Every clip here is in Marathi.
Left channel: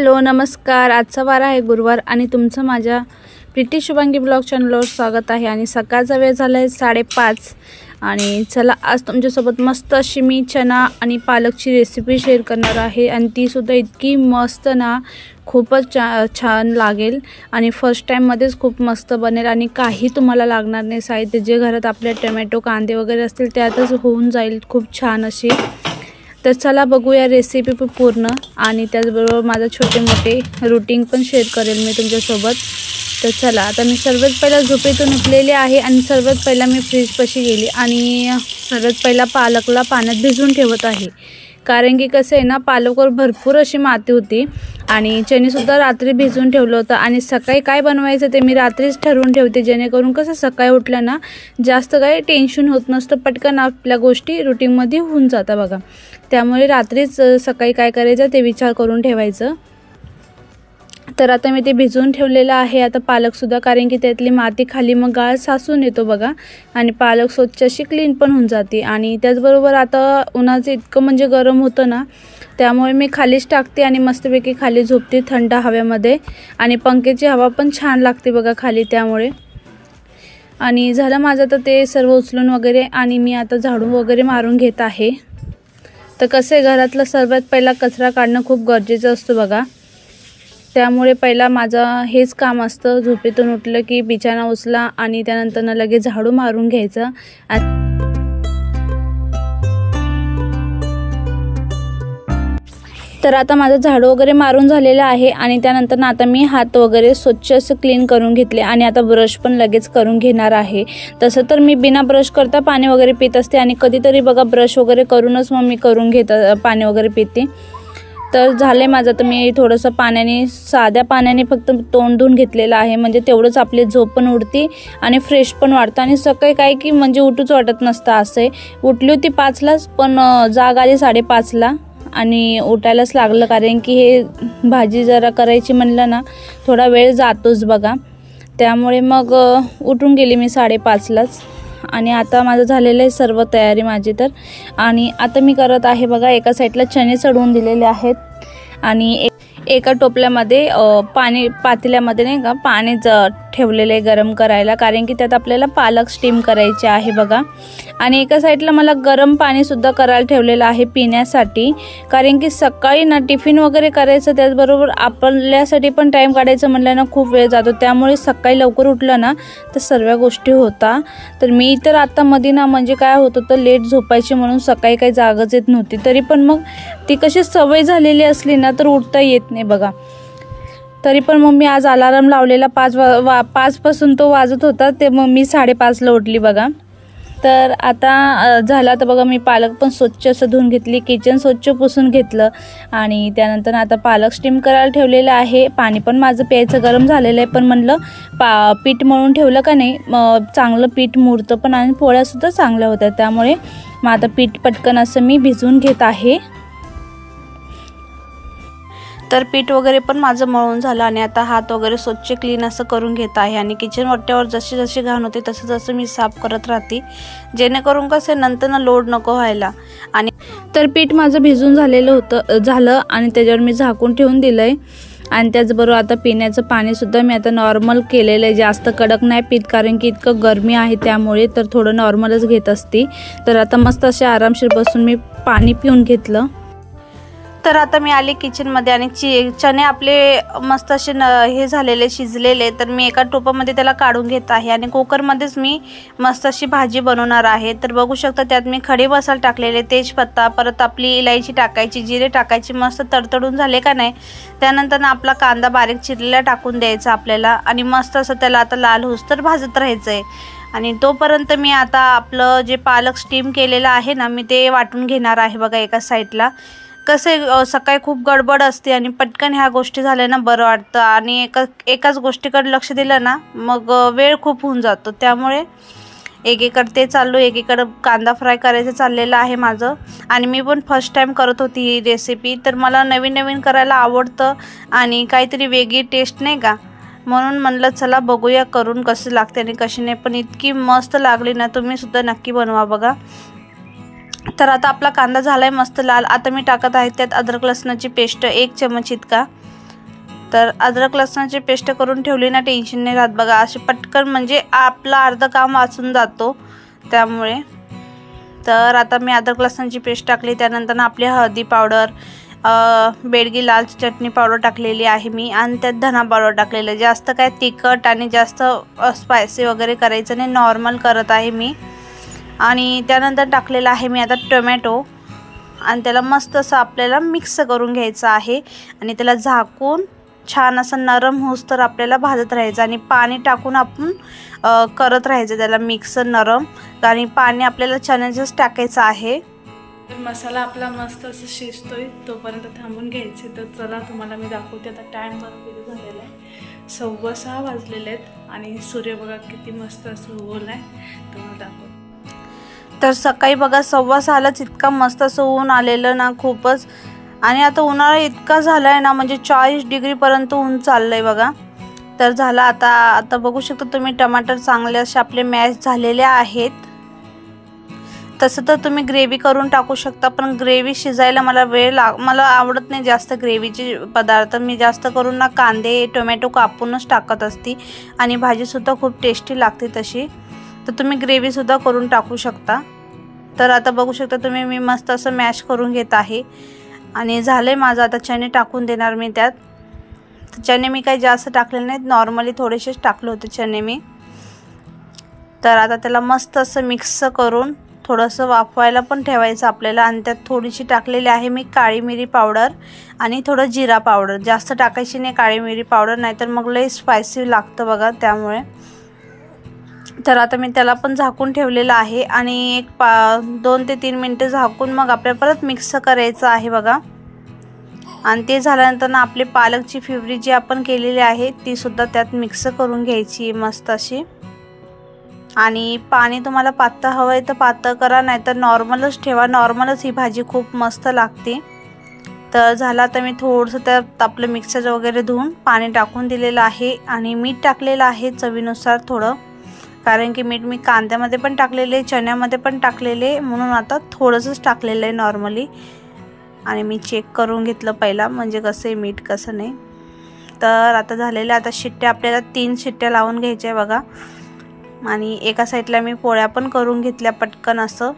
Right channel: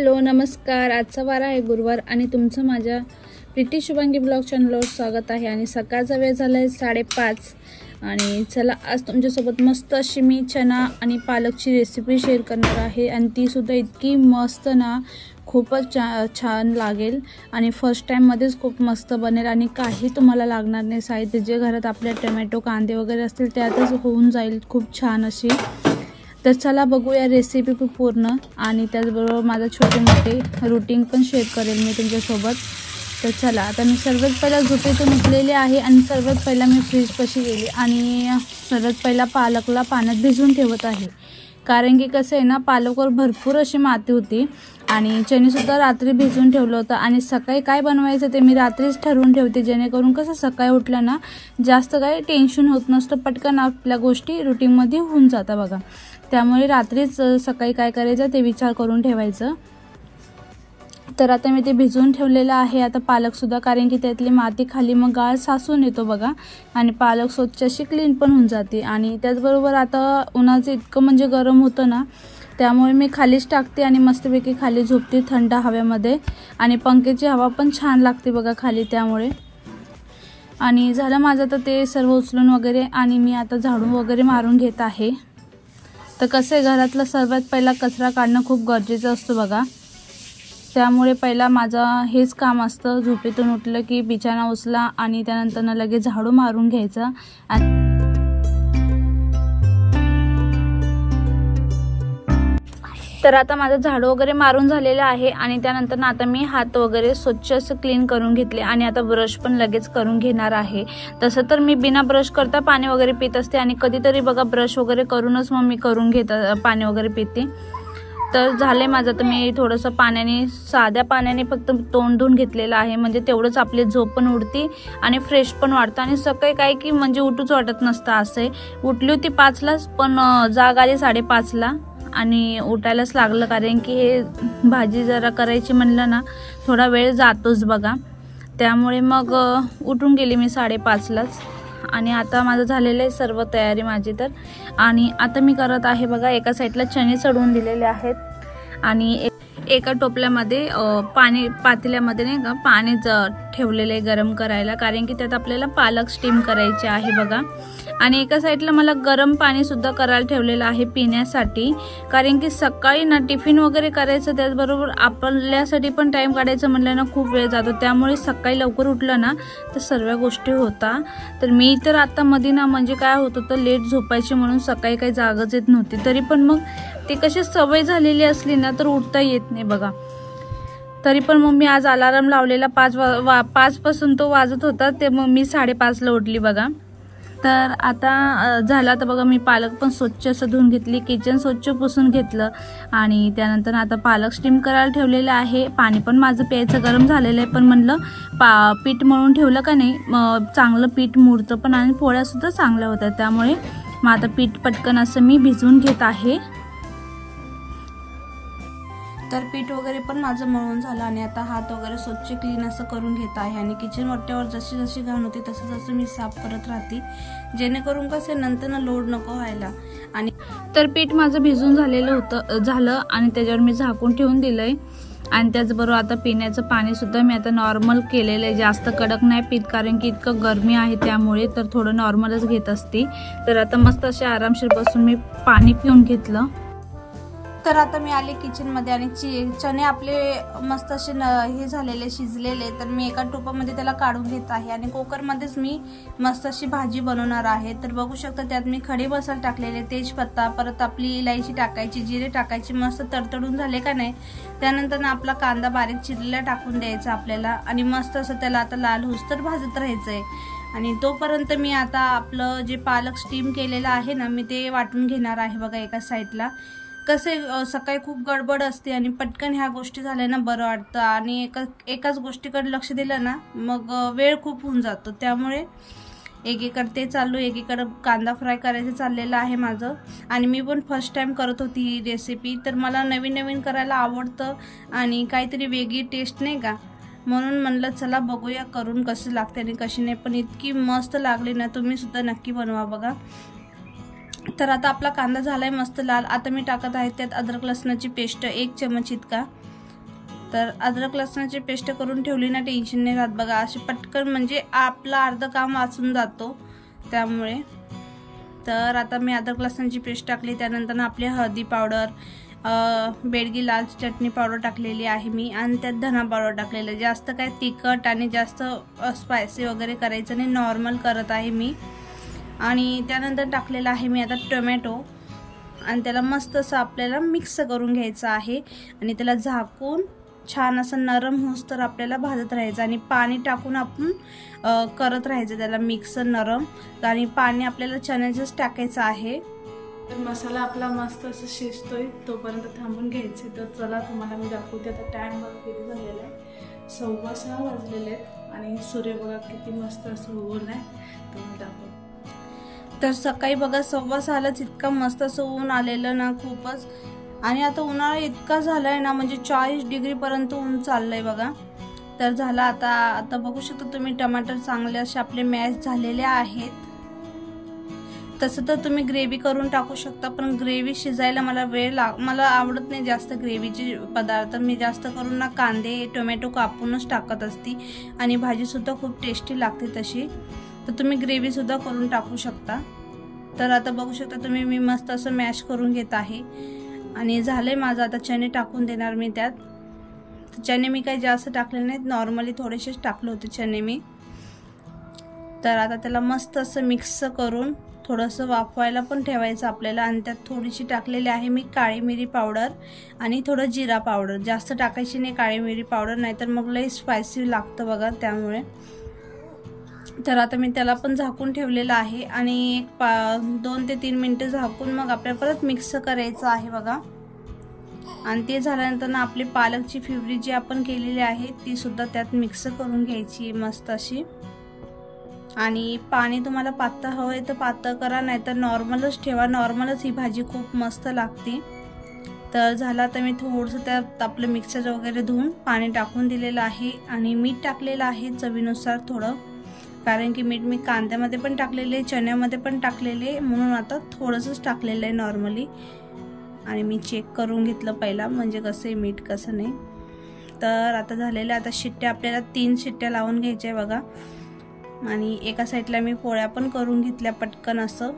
हॅलो नमस्कार। आजचा वार आहे गुरुवार आणि तुमचं माझ्या प्रीती शुभांगी ब्लॉग चॅनलवर स्वागत आहे। आणि सकाळचा वेळ झाला आहे 5:30 आणि चला आज तुमच्यासोबत मस्त अशी मी चना आणि पालकची रेसिपी शेअर करणार आहे आणि ती सुद्धा इतकी मस्त ना, खूपच छान लागेल आणि फर्स्ट टाइम मध्येच खूप मस्त बनेल आणि काही तुम्हाला लागणार नाही साहित्य, जे घरात आपले टोमॅटो कांदे वगैरे असतील त्यातच होऊन जाईल खूप छान अशी। तर चला बघूया रेसिपी पूर्ण आणि त्याचबरोबर माझा छोटे मोठे रूटीन पण शेअर करेल मी तुमच्यासोबत। तर चला आता मी सर्वात पहिला झोपेतून उठलेले आहे आणि सर्वात पहिला मी फ्रीजपाशी गेली आणि सर्वात पहिला पालकला पाण्यात भिजवून ठेवत आहे, कारण की कसं आहे ना, पालकवर भरपूर अशी माती होती आणि चणीसुद्धा रात्री भिजवून ठेवलं होतं आणि सकाळी काय बनवायचं ते मी रात्रीच ठरवून ठेवते, जेणेकरून कसं सकाळी उठलं ना जास्त काही टेन्शन होत नसतं, पटकन आपल्या गोष्टी रुटीनमध्ये होऊन जातात बघा। त्यामुळे रात्रीच सकाळी काय करायचं ते विचार करून ठेवायचं। तर आता मी ते भिजवून ठेवलेलं आहे आता पालकसुद्धा, कारण की त्यातली माती खाली मग गाळ साचून येतो बघा आणि पालक स्वच्छ अशी क्लीन पण होऊन जाते। आणि त्याचबरोबर आता उन्हाचं इतकं म्हणजे गरम होतं ना, त्यामुळे मी खालीच टाकते आणि मस्तपैकी खाली झोपते थंड हवेमध्ये आणि पंख्याची हवा पण छान लागते बघा खाली, त्यामुळे। आणि झालं माझं तर ते सर्व उचलून वगैरे आणि मी आता झाडू वगैरे मारून घेत आहे। तर कसं आहे, घरातला सर्वात पहिला कचरा काढणं खूप गरजेचं असतं बघा, त्यामुळे पहिला माझं हेच काम असतं। झोपेतून उठलं की बिछाना उचला आणि त्यानंतर लगेच झाडू मारून घ्यायचं। तर आता माझं झाडू वगैरे मारून झालेलं आहे आणि त्यानंतर आता मी हात वगैरे स्वच्छ असं क्लीन करून घेतले आणि आता ब्रश पण लगेच करून घेणार आहे। तसं तर मी बिना ब्रश करता पाणी वगैरे पित असते आणि कधीतरी बघा ब्रश वगैरे करूनच मग मी पाणी वगैरे पिते। तर झाले माझं, तर मी थोडंसं पाण्याने, साध्या पाण्याने फक्त तोंड धुवून घेतलेलं आहे, म्हणजे तेवढंच आपली झोप पण उडते आणि फ्रेश पण वाटतं आणि सकाळी काय की म्हणजे उठूच वाटत नसतं असं आहे। उठली होती 5लाच पण जाग आली 5:30ला आणि उठायलाच लागलं, कारण की हे भाजी जरा करायची म्हणलं ना थोडा वेळ जातोच बघा, त्यामुळे मग उठून गेली मी 5:30लाच। आणि आता माझं झालेलं आहे सर्व तयारी माझी। तर आणि आता मी करत आहे बघा, एका साईडला चणे चढवून दिलेले आहेत आणि एका टोपल्यामध्ये पातेल्यामध्ये नाही का पाणी ठेवलेलं आहे गरम करायला, कारण की त्यात आपल्याला पालक स्टीम करायचे आहे बघा। आणि एका साईडला मला गरम पाणी सुद्धा करायला ठेवलेलं आहे पिण्यासाठी, कारण की सकाळी ना टिफिन वगैरे करायचं, त्याचबरोबर आपल्यासाठी पण टाइम काढायचं म्हणलं ना खूप वेळ जातो, त्यामुळे सकाळी लवकर उठलं ना तर सर्व गोष्टी होता। तर मी तर आता मध्ये ना म्हणजे काय होत होतं, लेट झोपायची म्हणून सकाळी काही जागच येत नव्हती, तरी पण मग ती कशी सवय झालेली असली ना तर उठता येत नाही बघा। तरी पण मग मी आज अलार्म लावलेला 5 पासून तो वाजत होता, ते मग मी 5:30ला उठली बघा। तर आता झाला तर बघा, मी पालक पण स्वच्छ असं धुवून घेतली, किचन स्वच्छ पुसून घेतलं आणि त्यानंतर आता पालक स्टीम करायला ठेवलेलं आहे। पाणी पण माझं प्यायचं गरम झालेलं आहे, पण म्हणलं पीठ मळून ठेवलं का नाही चांगलं पीठ मुरतं पण आणि पोळ्यासुद्धा चांगल्या होत्या, त्यामुळे मग आता पीठ पटकन असं मी भिजवून घेत आहे। तर पीठ वगैरे पण माझं मळून झालं आणि आता हात वगैरे स्वच्छ क्लीन असं करून घेत आहे आणि किचन वट्ट्यावर जशी जशी घाण होते तसं जसं मी साफ करत राहते, जेणेकरून कसं नंतर लोड नको व्हायला। आणि तर पीठ माझं भिजून झालं आणि त्याच्यावर मी झाकून ठेवून दिलंय आणि त्याचबरोबर आता पिण्याचं पाणी सुद्धा मी आता नॉर्मल केलेलं आहे, जास्त कडक नाही पित, कारण की इतकं गरमी आहे त्यामुळे, तर थोडं नॉर्मलच घेत असते। तर आता मस्त असे आरामशीर बसून मी पाणी पिऊन घेतलं। तर आता मी आले किचनमध्ये आणि चणे आपले मस्त असे हे झालेले शिजलेले, तर मी एका टोपामध्ये त्याला काढून घेत आहे आणि कुकरमध्येच मी मस्त अशी भाजी बनवणार आहे। तर बघू शकता त्यात मी खडे मसाले टाकलेले, तेजपत्ता, परत आपली इलायची टाकायची, जिरे टाकायची, मस्त तडतडून झाले का नाही त्यानंतर आपला कांदा बारीक चिरलेला टाकून द्यायचा आपल्याला आणि मस्त असं त्याला आता लाल होईस्तोवर भाजत राहायचं आहे। आणि तोपर्यंत मी आता आपलं जे पालक स्टीम केलेलं आहे ना मी ते वाटून घेणार आहे बघा एका साईडला। कसं सकाळी खूप गडबड असते आणि पटकन ह्या गोष्टी झाल्या ना बरं वाटतं आणि एकाच गोष्टीकडे लक्ष दिलं ना मग वेळ खूप होऊन जातो, त्यामुळे एकीकडे ते चाललो, एकीकडे कांदा फ्राय करायचं चाललेलं आहे माझं। आणि मी पण फर्स्ट टाइम करत होती ही रेसिपी, तर मला नवीन नवीन करायला आवडतं आणि काहीतरी वेगळी टेस्ट नाही का, म्हणून म्हणलं चला बघूया करून कसं लागते आणि कशी नाही, पण इतकी मस्त लागली ना, तुम्ही सुद्धा नक्की बनवा बघा। तर आता आपला कांदा झालाय मस्त लाल। आता मी टाकत आहे त्यात अद्रक लसणाची पेस्ट 1 चमच इतका तर अद्रक लसणाची पेस्ट करून ठेवली ना, टेन्शन नाही राहत बघा, असे पटकन म्हणजे आपलं अर्ध काम वाचून जातो त्यामुळे. तर आता मी अद्रक लसणाची पेस्ट टाकली, त्यानंतर आपली हळदी पावडर, बेडगी लाल चटणी पावडर टाकलेली आहे मी, आणि त्यात धना पावडर टाकलेलं. जास्त काय तिखट आणि जास्त स्पायसी वगैरे करायचं नाही, नॉर्मल करत आहे मी. आणि त्यानंतर टाकलेलं आहे मी आता टोमॅटो, आणि त्याला मस्त असं आपल्याला मिक्स करून घ्यायचं आहे, आणि त्याला झाकून छान असं नरम होस तर आपल्याला भाजत राहायचं, आणि पाणी टाकून आपण करत राहायचं त्याला मिक्स नरम, आणि पाणी आपल्याला चण्याचंच टाकायचं आहे. मसाला आपला मस्त असं शिजतोय तोपर्यंत थांबून घ्यायचे. तर चला तुम्हाला मी दाखवते. आता टाइम सुरू झालेला आहे, 6:15 वाजलेले आहेत, आणि सूर्य बघा किती मस्त असं ऊन आहे. तुम्हाला दाखवते. तर सकाळी बघा 6:15लाच इतका मस्त असं ऊन आलेलं ना, खूपच. आणि आता उन्हाळा इतका झालाय ना, म्हणजे 40 डिग्रीपर्यंत ऊन चाललंय बघा. तर झाला आता बघू शकता तुम्ही, टमाटर चांगले असे आपले मॅश झालेले आहेत. तसं तर तुम्ही ग्रेव्ही करून टाकू शकता, पण ग्रेव्ही शिजायला मला मला आवडत नाही जास्त ग्रेव्हीचे पदार्थ. मी जास्त करून ना कांदे टोमॅटो कापूनच टाकत असते, आणि भाजीसुद्धा खूप टेस्टी लागते तशी. तर तुम्ही ग्रेव्हीसुद्धा करून टाकू शकता. तर आता बघू शकता तुम्ही, मी मस्त असं मॅश करून घेत आहे, आणि झालंय माझं. आता चणे टाकून देणार मी त्यात. चणे मी काही जास्त टाकले नाहीत, नॉर्मली थोडेसेच टाकले होते चणे मी. तर आता त्याला मस्त असं मिक्स करून थोडंसं वाफवायला पण ठेवायचं आपल्याला, आणि त्यात थोडीशी टाकलेली आहे मी काळी मिरी पावडर आणि थोडं जिरा पावडर. जास्त टाकायची नाही काळी मिरी पावडर, नाहीतर मग लई स्पायसी लागतं बघा त्यामुळे. तर आता मी त्याला पण झाकून ठेवलेलं आहे, आणि एक 2 ते 3 मिनटं झाकून मग आपल्याला परत मिक्स करायचं आहे बघा. आणि ते झाल्यानंतर ना आपली पालकची प्युरी जी आपण केलेली आहे ती सुद्धा त्यात मिक्स करून घ्यायची मस्त अशी. आणि पाणी तुम्हाला पातळ हवं आहे तर पातळ करा, नाहीतर नॉर्मलच ठेवा. नॉर्मलच ही भाजी खूप मस्त लागते. तर झालं, आता मी थोडंसं त्यात आपलं मिक्सर वगैरे धुवून पाणी टाकून दिलेलं आहे, आणि मीठ टाकलेलं आहे चवीनुसार थोडं, कारण की मीठ मी कांद्यामध्ये पण टाकलेले, चण्यामध्ये पण टाकलेले, म्हणून आता थोडंसंच टाकलेलं आहे नॉर्मली. आणि मी चेक करून घेतलं पहिला, म्हणजे कसं आहे मीठ कसं नाही. तर आता झालेलं, आता शिट्ट्या आपल्याला 3 शिट्ट्या लावून घ्यायच्या आहे बघा. आणि एका साईडला मी पोळ्या पण करून घेतल्या पटकन असं.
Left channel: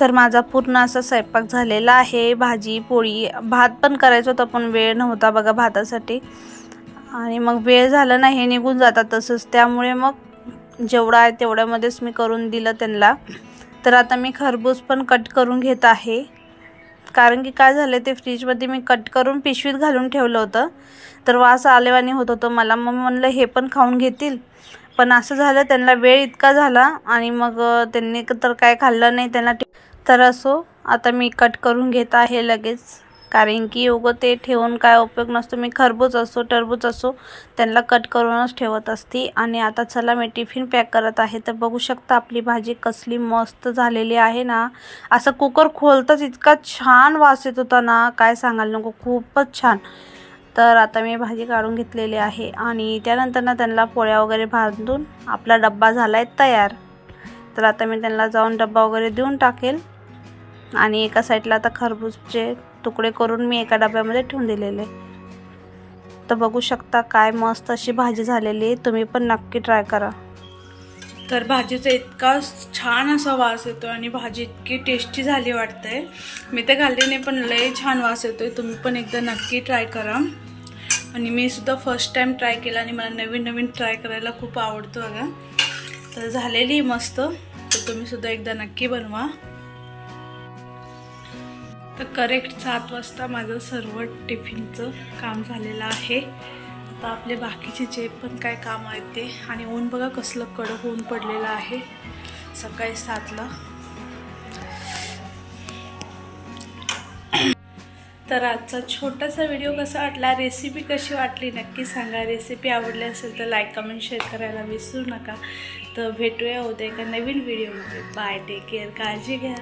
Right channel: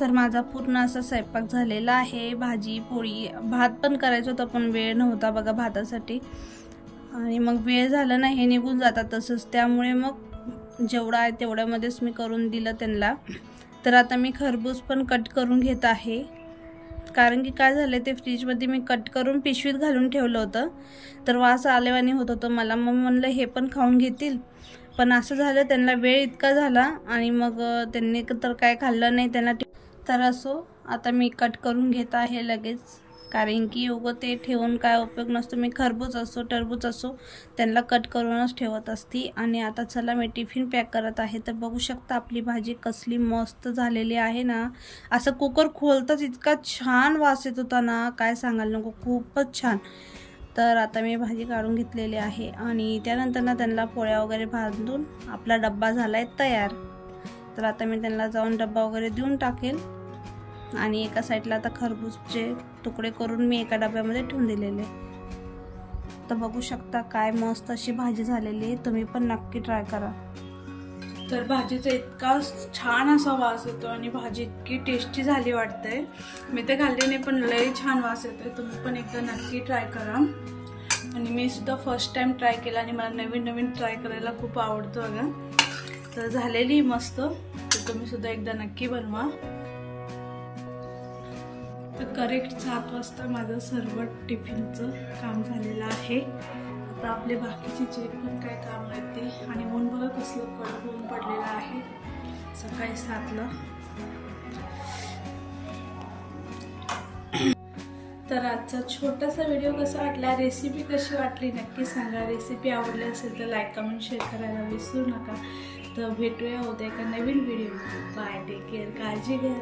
तर माझा पूर्ण असा स्वयंपाक झालेला आहे. भाजी पोळी भात पण करायचं होतं, पण वेळ नव्हता बघा भातासाठी, आणि मग वेळ झाला ना हे निघून जातात तसंच, त्यामुळे मग जेवढं आहे तेवढ्यामध्येच मी करून दिलं त्यांना. तर आता मी खरबूज पण कट करून घेत आहे, कारण की काय झालं ते फ्रीजमध्ये मी कट करून पिशवीत घालून ठेवलं होतं, तर वास आलेवानी होत होतं मला. मग म्हणलं हे पण खाऊन घेतील, पण असं झालं त्यांना वेळ इतका झाला, आणि मग त्यांनी तर काय खाल्लं नाही त्यांना. तर असो, आता मी कट करून घेत आहे लगेच, कारण की उगं ते ठेवून काय उपयोग नसतो. मी खरबूज असो टरबूज असो त्यांना कट करूनच ठेवत असते. आणि आता चला मी टिफिन पॅक करत आहे. तर बघू शकता आपली भाजी कसली मस्त झालेली आहे ना. असं कुकर खोलताच इतका छान वास येत होता ना, काय सांगायला नको, खूपच छान. तर आता मी भाजी काढून घेतलेली आहे, आणि त्यानंतर ना त्यांना पोळ्या वगैरे बांधून आपला डब्बा झाला आहे तयार. तर आता मी त्यांना जाऊन डब्बा वगैरे देऊन टाकेल. आणि एका साईडला आता खरबूजचे तुकडे करून मी एका डब्यामध्ये ठेवून दिलेले. तर बघू शकता काय मस्त अशी भाजी झालेली आहे, तुम्ही पण नक्की ट्राय करा. तर भाजीचा इतका छान असा वास येतो, आणि भाजी इतकी टेस्टी झाली वाटते. मी तर खाल्ली नाही, पण लय छान वास येतोय. तुम्ही पण एकदा नक्की ट्राय करा. आणि मी सुद्धा फर्स्ट टाइम ट्राय केला, आणि मला नवीन नवीन ट्राय करायला खूप आवडतं बघा. तर झालेली मस्त. तर तुम्ही सुद्धा एकदा नक्की बनवा. तर करेक्ट 7 वाजता माझं सर्व टिफिनचं काम झालेलं आहे. आता आपले बाकीचे जे पण काय काम आहेत ते. आणि ऊन बघा कसलं कडक ऊन पडलेलं आहे सकाळी 7ला. तर आजचा छोटासा व्हिडिओ कसा वाटला, रेसिपी कशी वाटली नक्की सांगा. रेसिपी आवडली असेल तर लाईक कमेंट शेअर करायला विसरू नका. तर भेटूया उद्या एका नवीन व्हिडिओमध्ये. बाय, टेक केअर, काळजी घ्या.